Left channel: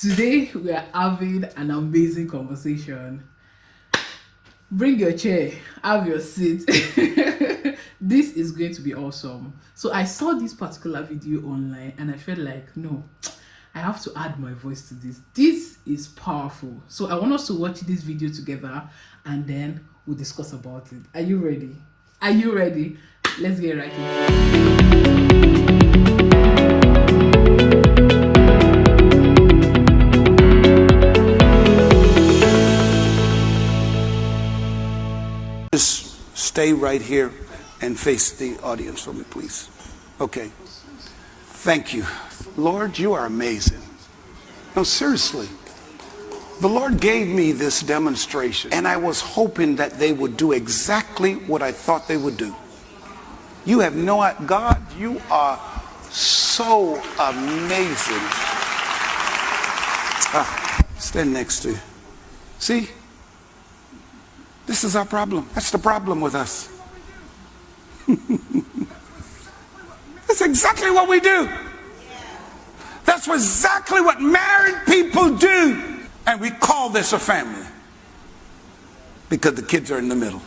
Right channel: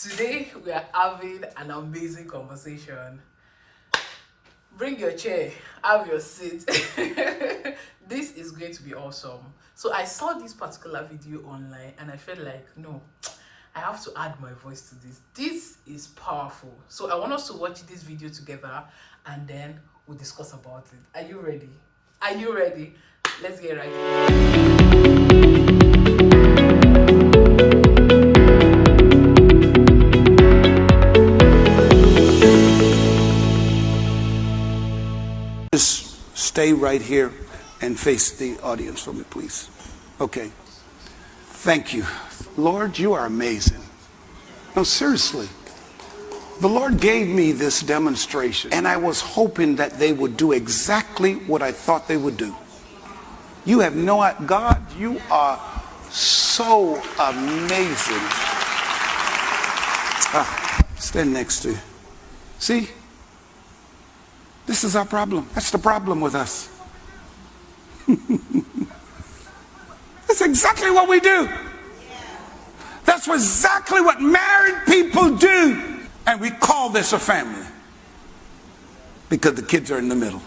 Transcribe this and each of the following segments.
Today we are having an amazing conversation. Bring your chair, have your seat. This is going to be awesome. So I saw this particular video online and I felt like, no, I have to add my voice to this. This is powerful. So I want us to watch this video together and then we'll discuss about it. Are you ready? Are you ready? Let's get right into it. Just stay right here and face the audience for me, please. Okay. Thank you. Lord, you are amazing. No, seriously. The Lord gave me this demonstration, and I was hoping that they would do exactly what I thought they would do. You have no idea. God, you are so amazing. Stand next to you. See? This is our problem. That's the problem with us. That's exactly what we do. That's exactly what married people do. And we call this a family because the kids are in the middle.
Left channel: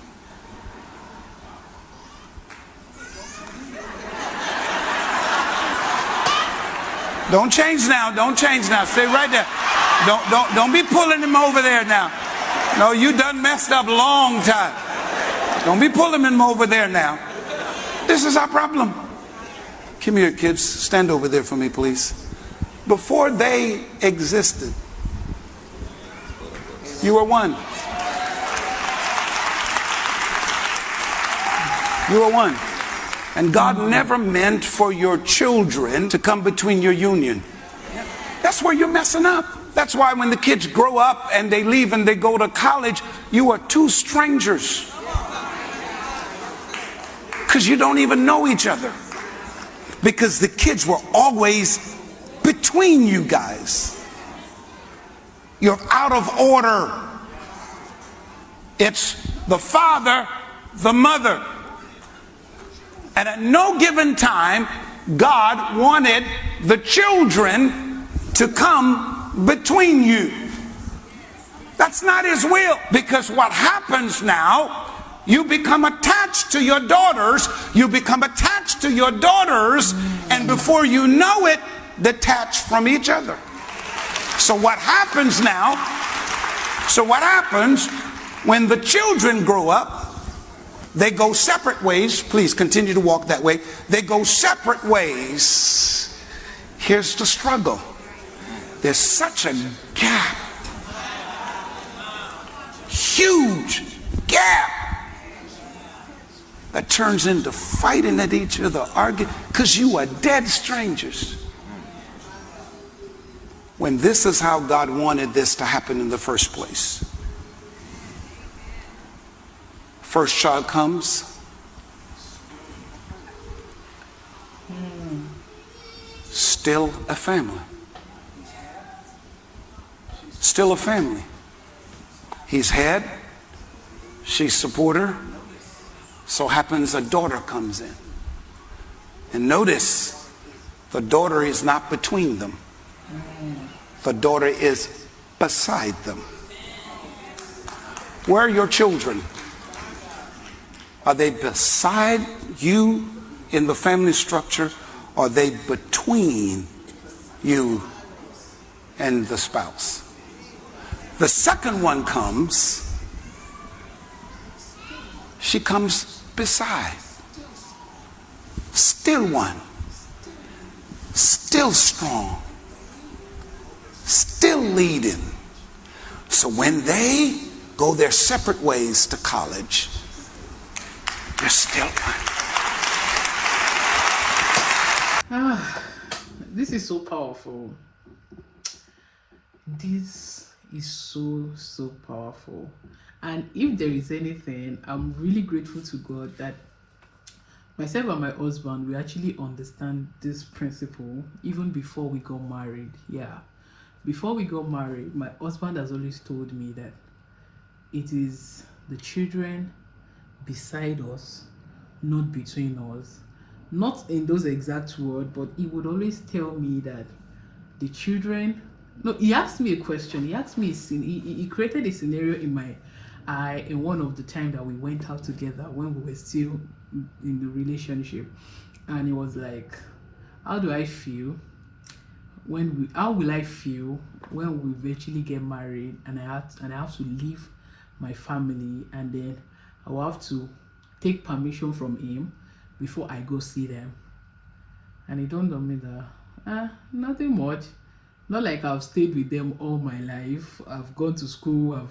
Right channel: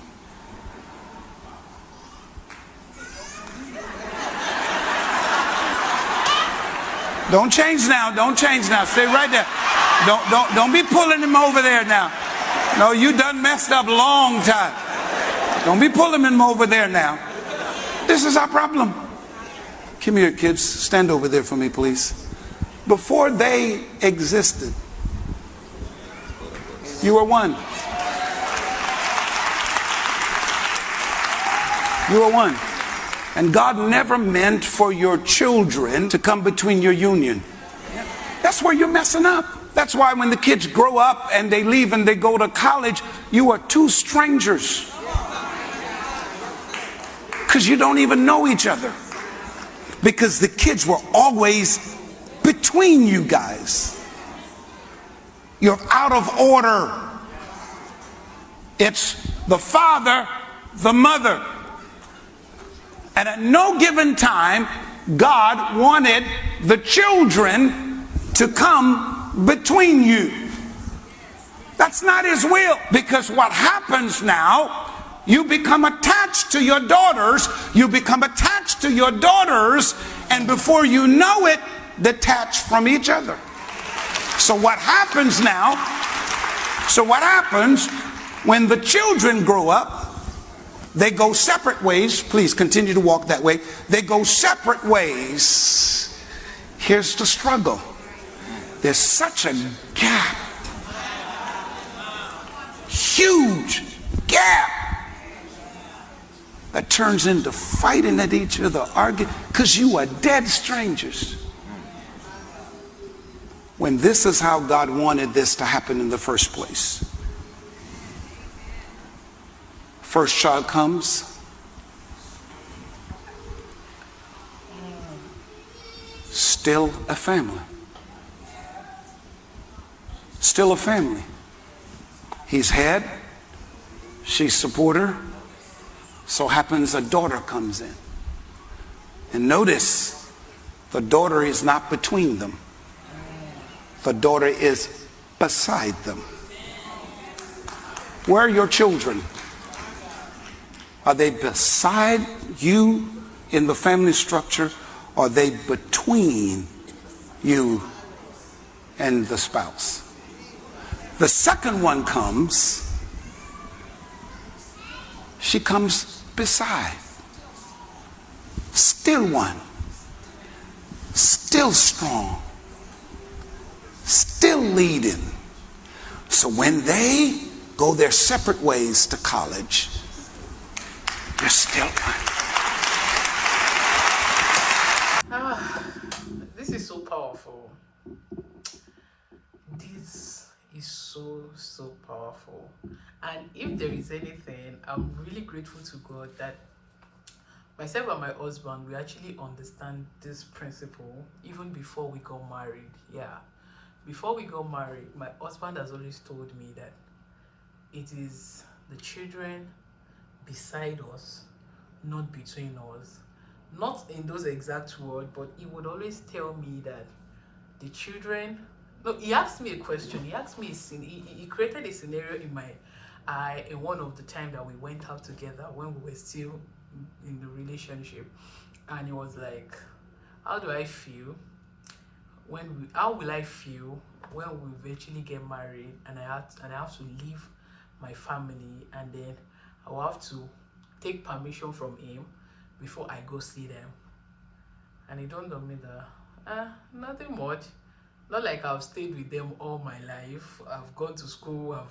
Don't change now. Don't change now. Stay right there. Don't be pulling him over there now. No, you done messed up long time. Don't be pulling him over there now. This is our problem. Come here, kids. Stand over there for me, please. Before they existed, you were one. You were one. And God never meant for your children to come between your union. That's where you're messing up. That's why when the kids grow up and they leave and they go to college, you are two strangers. Because you don't even know each other. Because the kids were always between you guys. You're out of order. It's the father, the mother. And at no given time, God wanted the children to come between you. That's not his will, because what happens now, you become attached to your daughters, and before you know it, detached from each other. So what happens when the children grow up, they go separate ways. Please continue to walk that way. They go separate ways. Here's the struggle. There's such a gap, huge gap, that turns into fighting at each other, arguing, because you are dead strangers. When this is how God wanted this to happen in the first place. First child comes. Still a family. Still a family. He's head, she's supporter. So happens a daughter comes in. And notice, the daughter is not between them. The daughter is beside them. Where are your children? Are they beside you in the family structure? Or are they between you and the spouse? The second one comes. She comes beside. Still one. Still strong. Still leading. So when they go their separate ways to college, they're still one. This is so powerful. This is so powerful. And if there is anything, I'm really grateful to God that myself and my husband, we actually understand this principle even before we got married. Before we got married, my husband has always told me that it is the children beside us, not between us. Not in those exact words, but he would always tell me that the children No, he asked me a question. He asked me a scene. He created a scenario in my eye in one of the time that we went out together when we were still in the relationship, and he was like, "How do I feel how will I feel when we eventually get married and I have to leave my family, and then I will have to take permission from him before I go see them?" And it dawned on me that nothing much. Not like I've stayed with them all my life. I've gone to school.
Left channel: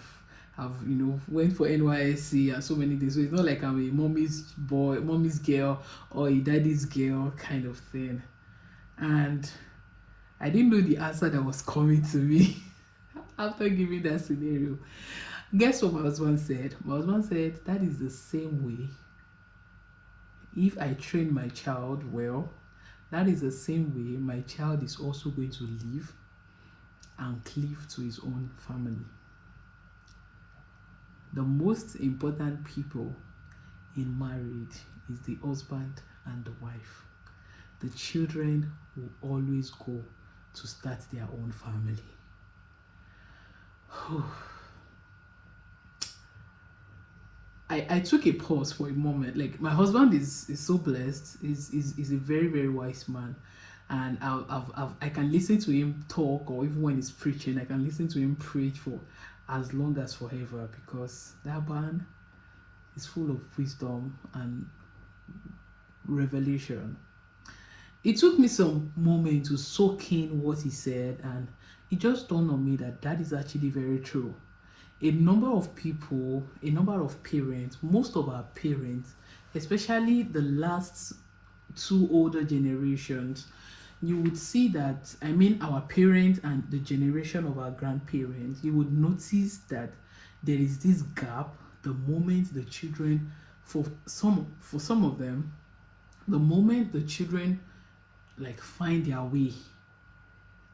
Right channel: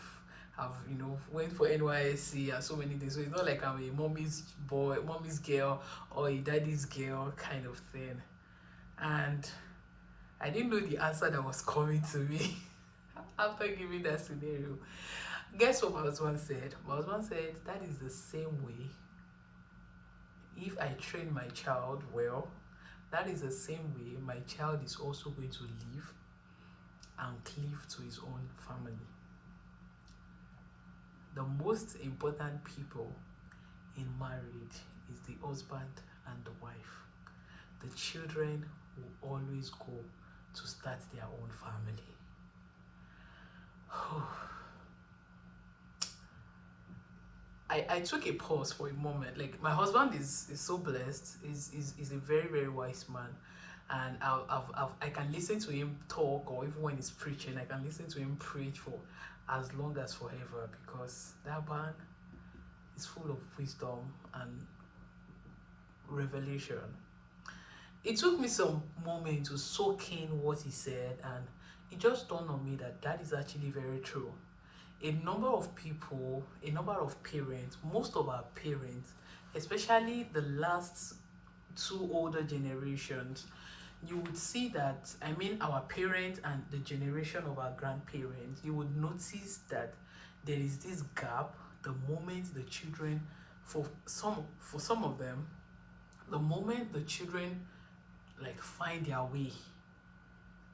I've went for NYSC and so many things. So it's not like I'm a mommy's boy, mommy's girl, or a daddy's girl kind of thing. And I didn't know the answer that was coming to me after giving that scenario. Guess what my husband said? My husband said that is the same way. If I train my child well, that is the same way my child is also going to live and cleave to his own family. The most important people in marriage is the husband and the wife. The children will always go to start their own family. I took a pause for a moment. Like, my husband is so blessed. He's a very, very wise man. And I can listen to him talk, or even when he's preaching, I can listen to him preach for as long as forever, because that man is full of wisdom and revelation. It took me some moment to soak in what he said, and it just dawned on me that that is actually very true. A number of people, a number of parents, most of our parents, especially the last two older generations, you would see that, our parents and the generation of our grandparents, you would notice that there is this gap the moment the children, for some of them, the moment the children like find their way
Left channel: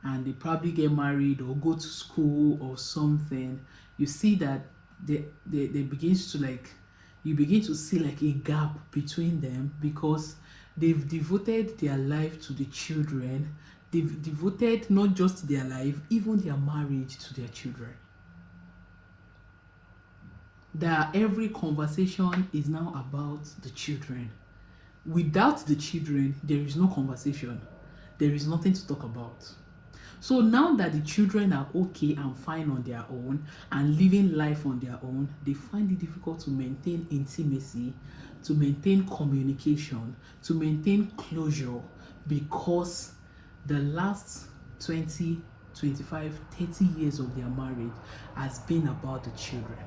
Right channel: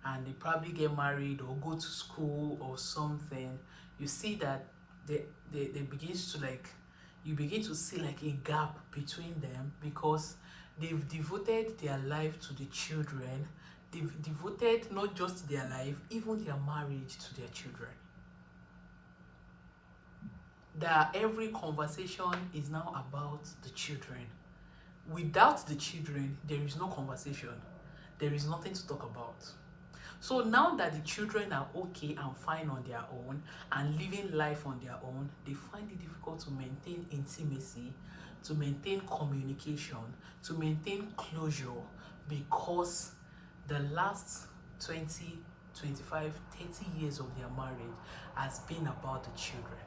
and they probably get married or go to school or something, you see that they begins to you begin to see like a gap between them, because they've devoted their life to the children. They've devoted not just their life, even their marriage to their children. That every conversation is now about the children. Without the children, there is no conversation. There is nothing to talk about. So now that the children are okay and fine on their own and living life on their own, they find it difficult to maintain intimacy, to maintain communication, to maintain closure, because the last 20, 25, 30 years of their marriage has been about the children.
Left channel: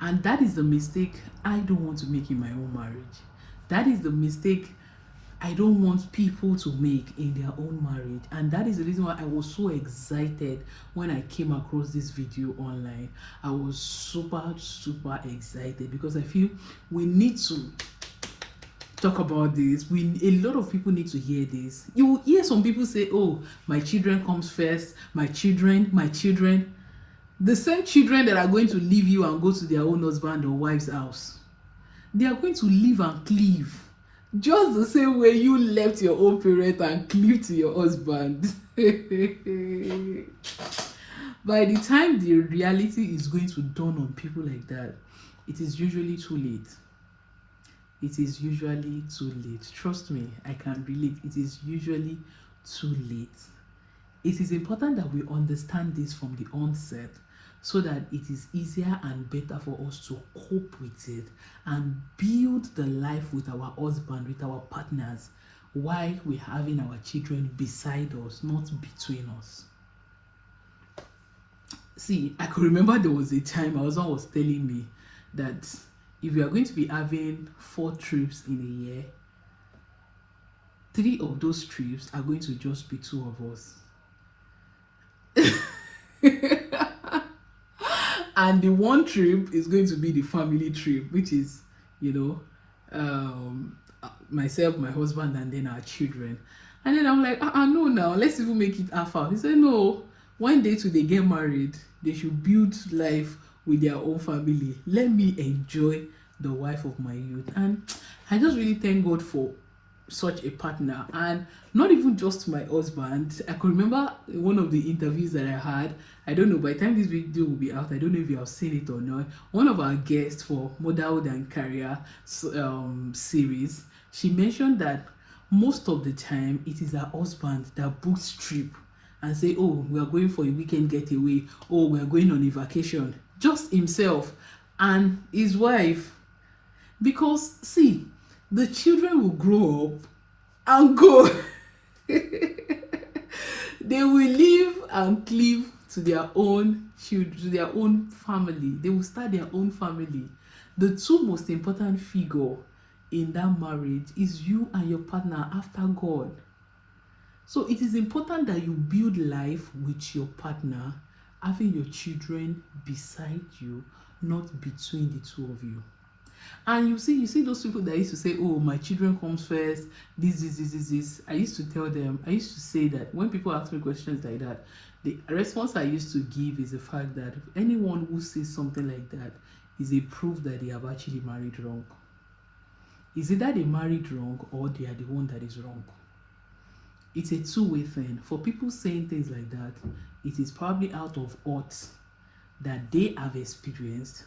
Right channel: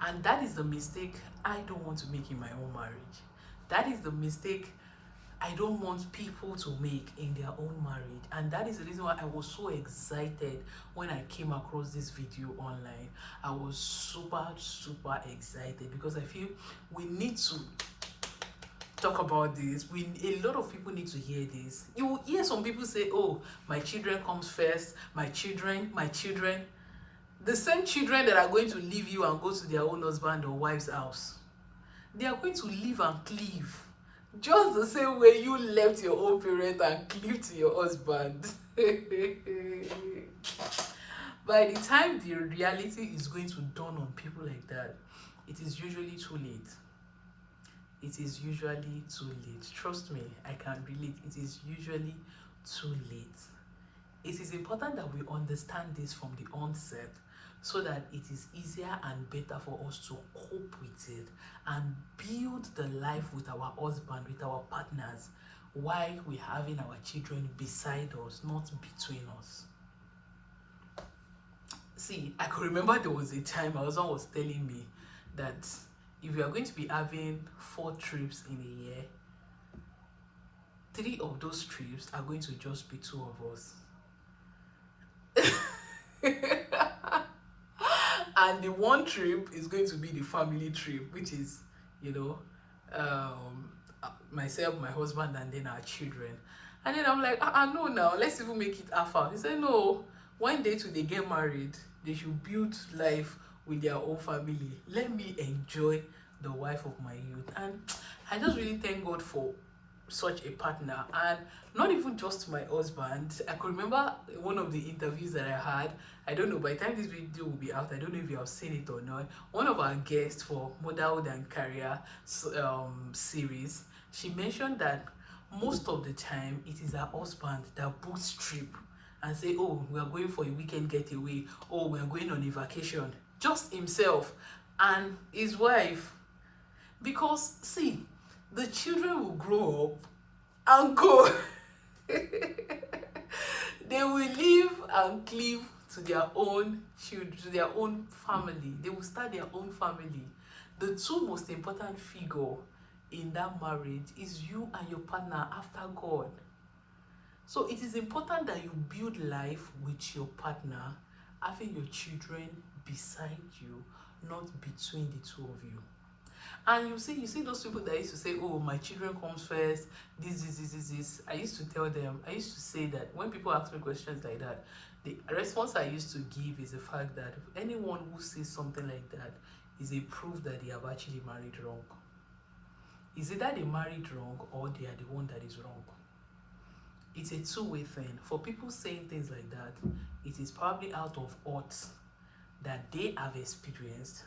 And that is the mistake I don't want to make in my own marriage. That is the mistake I don't want people to make in their own marriage. And that is the reason why I was so excited when I came across this video online. I was super excited, because I feel we need to talk about this. A lot of people need to hear this. You will hear some people say, "Oh, my children comes first, my children." The same children that are going to leave you and go to their own husband or wife's house, they are going to live and cleave just the same way you left your own parent and cleave to your husband. By the time the reality is going to dawn on people like that, it is usually too late. It is usually too late. Trust me, I can relate. It is usually too late. It is important that we understand this from the onset, so that it is easier and better for us to cope with it and build the life with our husband, with our partners, while we're having our children beside us, not between us. See, I could remember there was a time my husband was telling me that if we are going to be having 4 trips in a year, 3 of those trips are going to just be 2 of us. And the one trip is going to be the family trip, which is, myself, my husband, and then our children. And then I'm like, no, now let's even make it half out. He said, no, one day till they get married, they should build life with their own family. Let me enjoy the wife of my youth. And I just really thank God for such a partner. And not even just my husband. I could remember in one of the interviews that I had, I don't know, by the time this video will be out, I don't know if you have seen it or not, one of our guests for Motherhood and Career series, she mentioned that most of the time it is her husband that books trip and say, oh, we are going for a weekend getaway, oh, we are going on a vacation, just himself and his wife. Because see, the children will grow up and go. They will live and cleave to their own children, to their own family. They will start their own family. The two most important figure in that marriage is you and your partner after God. So it is important that you build life with your partner, having your children beside you, not between the two of you. And you see those people that used to say, oh, my children comes first, this. I used to tell them, I used to say that when people ask me questions like that, the response I used to give is the fact that anyone who says something like that is a proof that they have actually married wrong. Is either they married wrong or they are the one that is wrong. It's a two-way thing. For people saying things like that, it is probably out of odds that they have experienced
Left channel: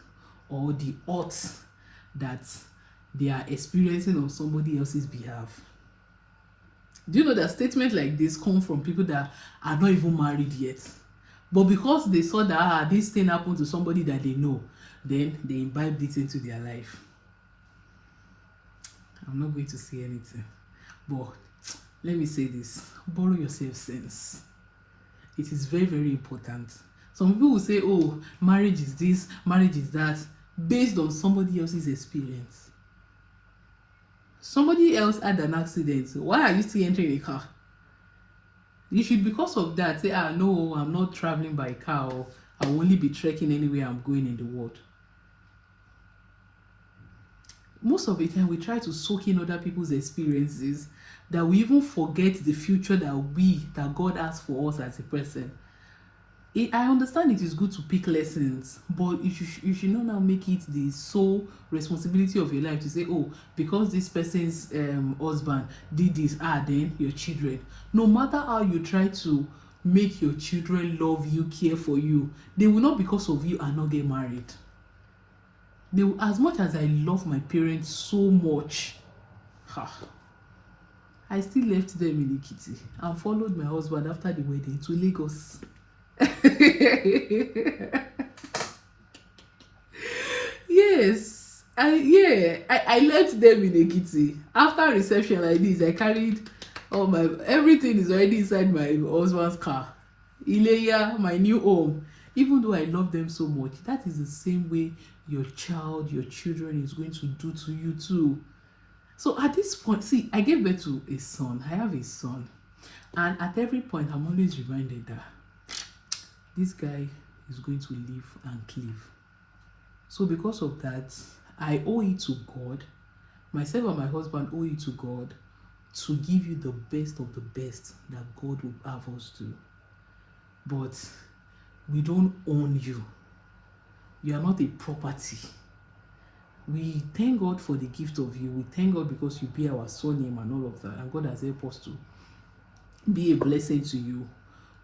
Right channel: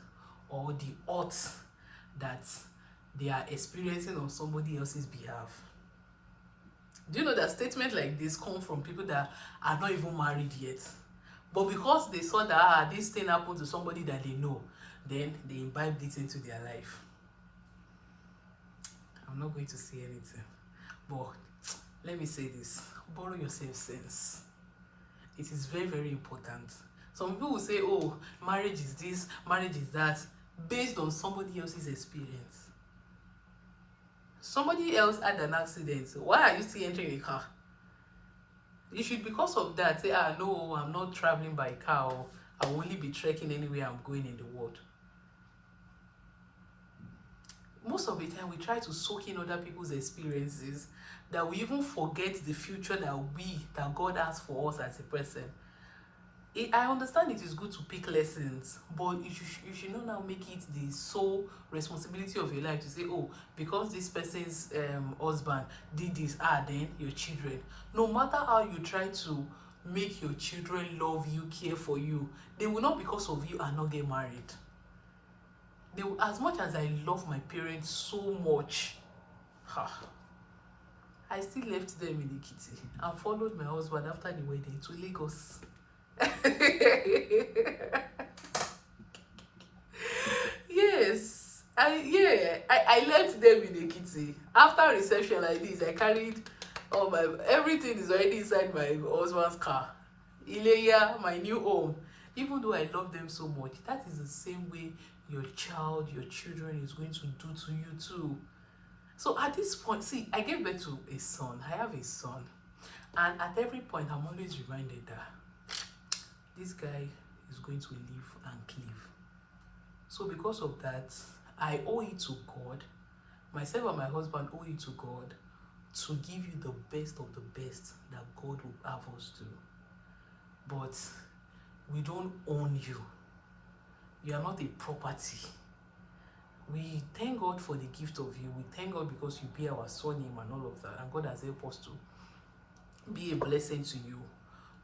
or the odds that they are experiencing on somebody else's behalf. Do you know that statements like this come from people that are not even married yet? But because they saw that this thing happened to somebody that they know, then they imbibed it into their life. I'm not going to say anything, but let me say this: borrow yourself sense. It is very, very important. Some people will say, oh, marriage is this, marriage is that, based on somebody else's experience. Somebody else had an accident. Why are you still entering a car? You should, because of that, say, no, I'm not traveling by car, or I will only be trekking anywhere I'm going in the world. Most of the time, we try to soak in other people's experiences that we even forget the future that God has for us as a person. I understand it is good to pick lessons, but you should not now make it the sole responsibility of your life to say, oh, because this person's husband did this, then your children. No matter how you try to make your children love you, care for you, they will not, because of you, and not get married. They will, as much as I love my parents so much, I still left them in Ekiti and followed my husband after the wedding to Lagos. Yes, I left them in Ekiti. After reception like this, I carried everything is already inside my husband's car. Ileya, my new home. Even though I love them so much, that is the same way your children is going to do to you too. So at this point, see, I gave birth to a son. I have a son. And at every point, I'm always reminded that this guy is going to live and cleave. So because of that, I owe it to God. Myself and my husband owe it to God to give you the best of the best that God will have us do. But we don't own you. You are not a property. We thank God for the gift of you. We thank God because you bear our surname and all of that. And God has helped us to be a blessing to you.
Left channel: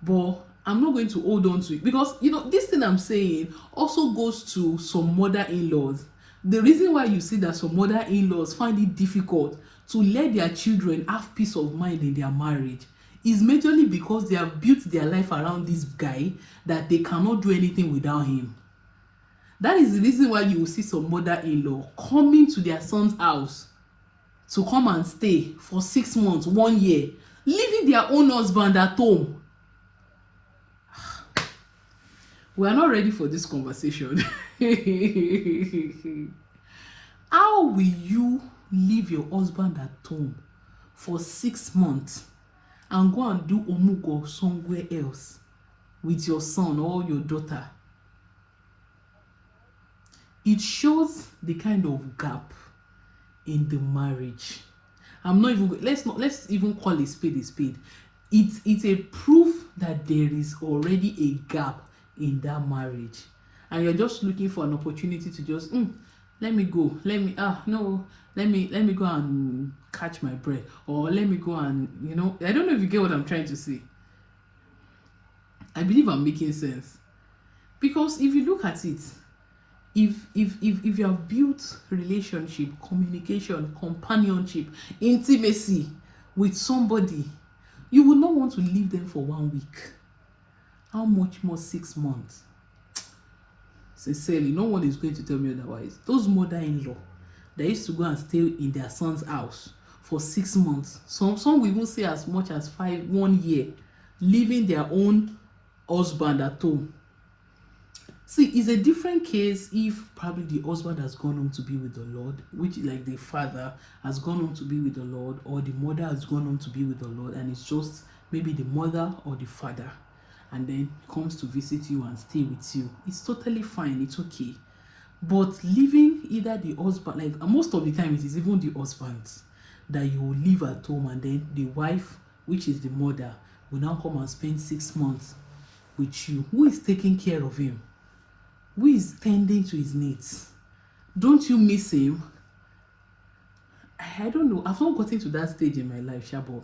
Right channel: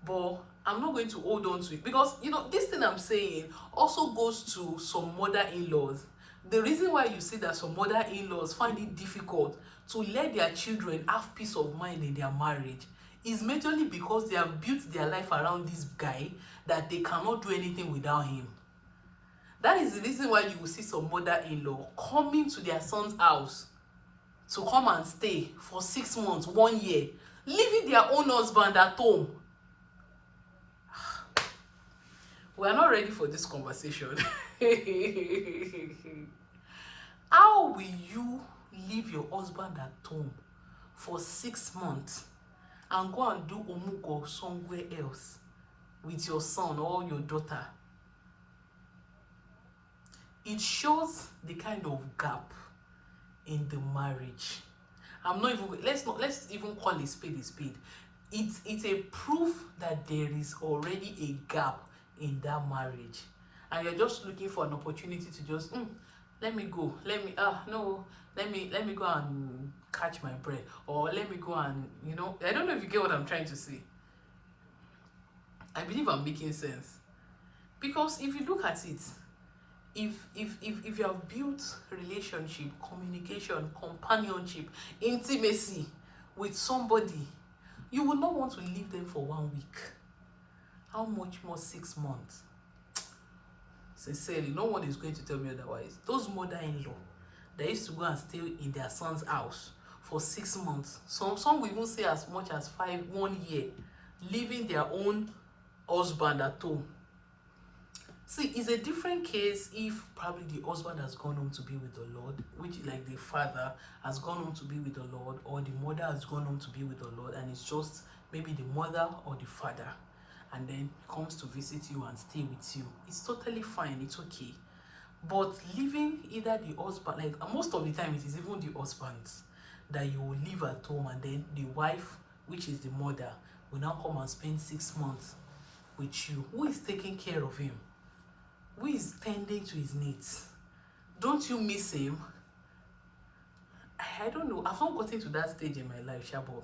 But I'm not going to hold on to it because, this thing I'm saying also goes to some mother-in-laws. The reason why you see that some mother-in-laws find it difficult to let their children have peace of mind in their marriage is majorly because they have built their life around this guy that they cannot do anything without him. That is the reason why you will see some mother-in-law coming to their son's house to come and stay for 6 months, 1 year, leaving their own husband at home. We are not ready for this conversation. How will you leave your husband at home for 6 months and go and do omugo somewhere else with your son or your daughter? It shows the kind of gap in the marriage. Let's even call a spade a spade. It's a proof that there is already a gap in that marriage, and you're just looking for an opportunity to just let me go, let me no, let me go and catch my breath, or let me go and, you know, I don't know if you get what I'm trying to say. I believe I'm making sense. Because if you look at it, if you have built relationship, communication, companionship, intimacy with somebody, you will not want to leave them for 1 week. How much more 6 months? Sincerely, no one is going to tell me otherwise. Those mother-in-law that used to go and stay in their son's house for 6 months, some will even say as much as 1 year, leaving their own husband at home. See, it's a different case if probably the husband has gone home to be with the Lord, which like the father has gone home to be with the Lord, or the mother has gone home to be with the Lord, and it's just maybe the mother or the father, and then comes to visit you and stay with you. It's totally fine, it's okay. But leaving either the husband, like most of the time it is even the husband that you will leave at home, and then the wife, which is the mother, will now come and spend 6 months with you. Who is taking care of him? Who is tending to his needs? Don't you miss him? I don't know. I've not gotten to that stage in my life, Shabo.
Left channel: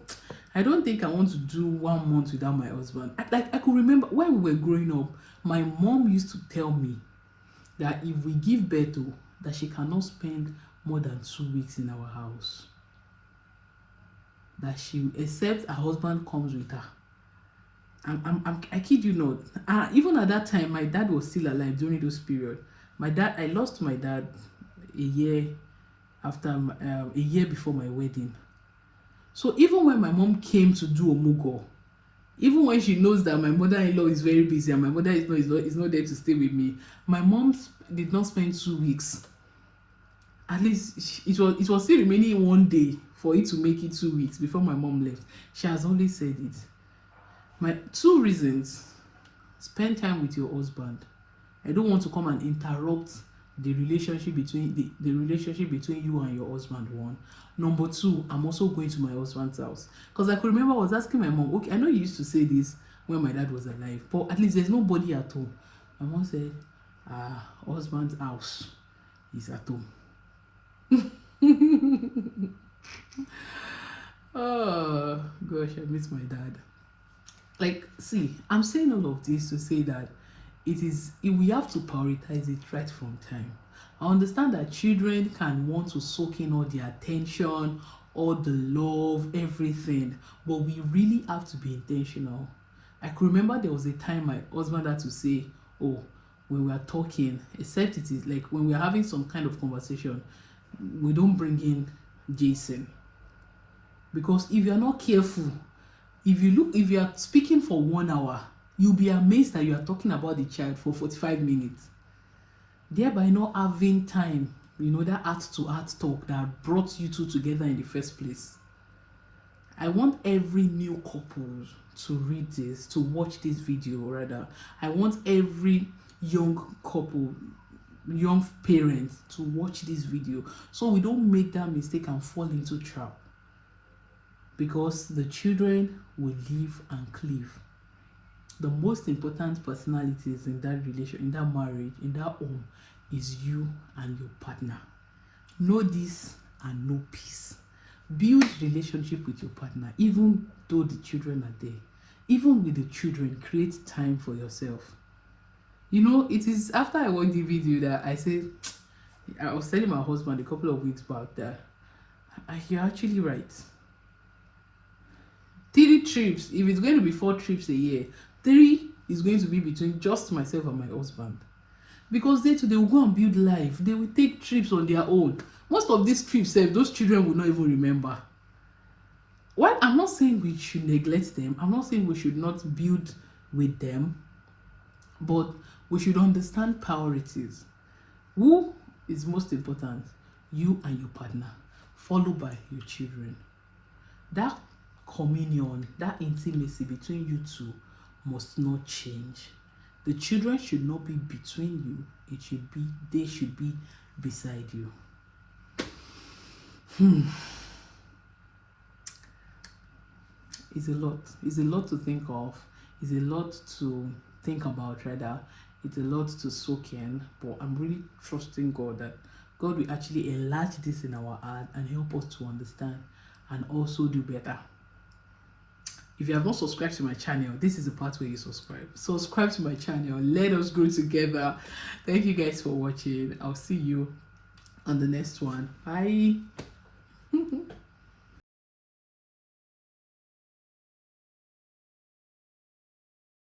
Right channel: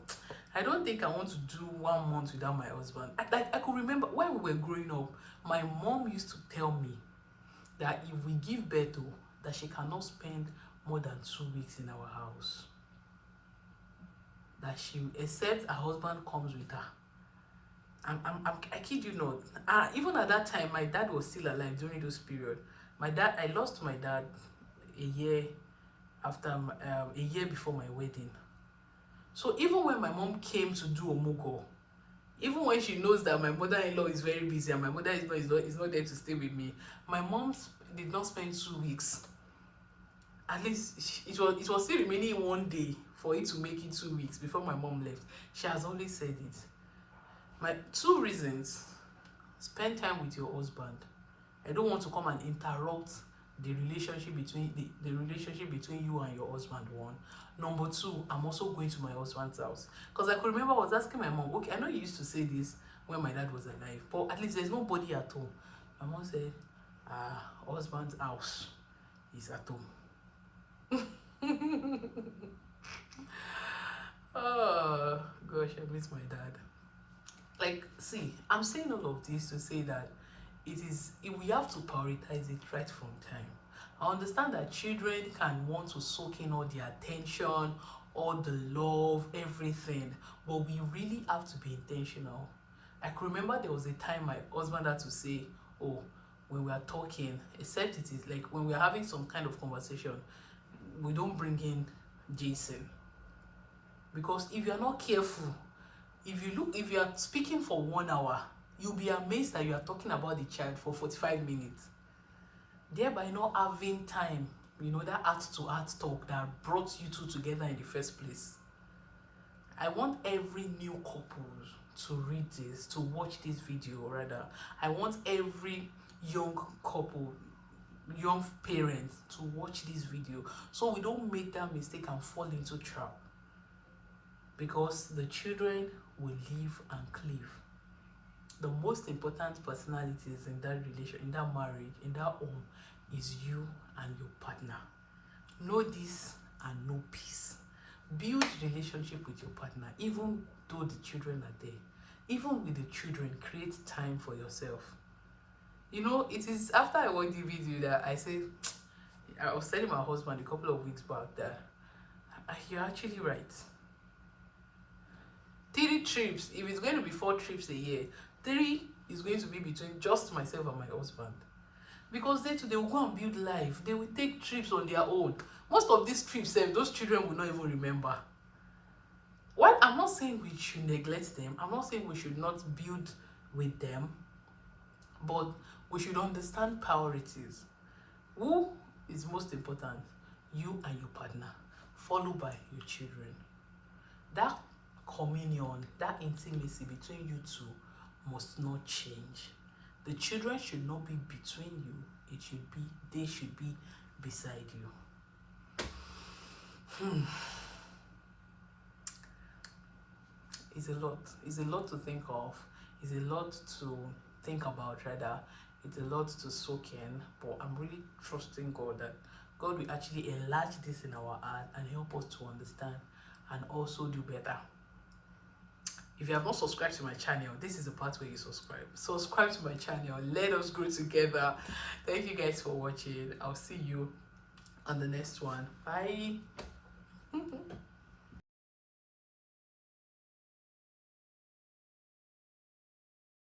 I don't think I want to do 1 month without my husband. I could remember when we were growing up, my mom used to tell me that if we give birth to, that she cannot spend more than 2 weeks in our house. That she, except her husband comes with her. I kid you not. Even at that time, my dad was still alive during those period. I lost my dad a year after, a year before my wedding. So even when my mom came to do Omugo, even when she knows that my mother-in-law is very busy and my mother is not there to stay with me, my mom did not spend 2 weeks. At least it was still remaining 1 day for it to make it 2 weeks before my mom left. She has always said it. My 2 reasons: spend time with your husband. I don't want to come and interrupt the relationship between the relationship between you and your husband. 1. Number 2, I'm also going to my husband's house, because I could remember I was asking my mom, okay, I know you used to say this when my dad was alive, but at least there's nobody at home. My mom said, husband's house is at home. Oh gosh, I miss my dad. Like, see, I'm saying all of this to say that we have to prioritize it right from time. I understand that children can want to soak in all the attention, all the love, everything, but we really have to be intentional. I can remember there was a time my husband had to say, oh, when we are talking, except it is like when we are having some kind of conversation, we don't bring in Jason. Because if you're not careful, if you are speaking for 1 hour, you'll be amazed that you are talking about the child for 45 minutes, thereby not having time, that heart-to-heart talk that brought you two together in the first place. I want every new couple to read this, to watch this video rather. I want every young couple, young parents to watch this video, so we don't make that mistake and fall into trap. Because the children will live and cleave. The most important personalities in that relation, in that marriage, in that home, is you and your partner. Know this and know peace. Build relationship with your partner, even though the children are there. Even with the children, create time for yourself. It is after I watched the video that I said, I was telling my husband a couple of weeks back that you're actually right. 3 trips, if it's going to be 4 trips a year, 3 is going to be between just myself and my husband. Because they will go and build life. They will take trips on their own. Most of these trips, those children will not even remember. Well, I'm not saying we should neglect them. I'm not saying we should not build with them. But we should understand priorities. Who is most important? You and your partner, followed by your children. That communion, that intimacy between you two must not change. The children should not be between you. They should be beside you. It's a lot to think of. It's a lot to think about rather. It's a lot to soak in, but I'm really trusting God that God will actually enlarge this in our heart and help us to understand and also do better. If you have not subscribed to my channel, this is the part where you subscribe. Subscribe to my channel. Let us grow together. Thank you guys for watching. I'll see you on the next one. Bye.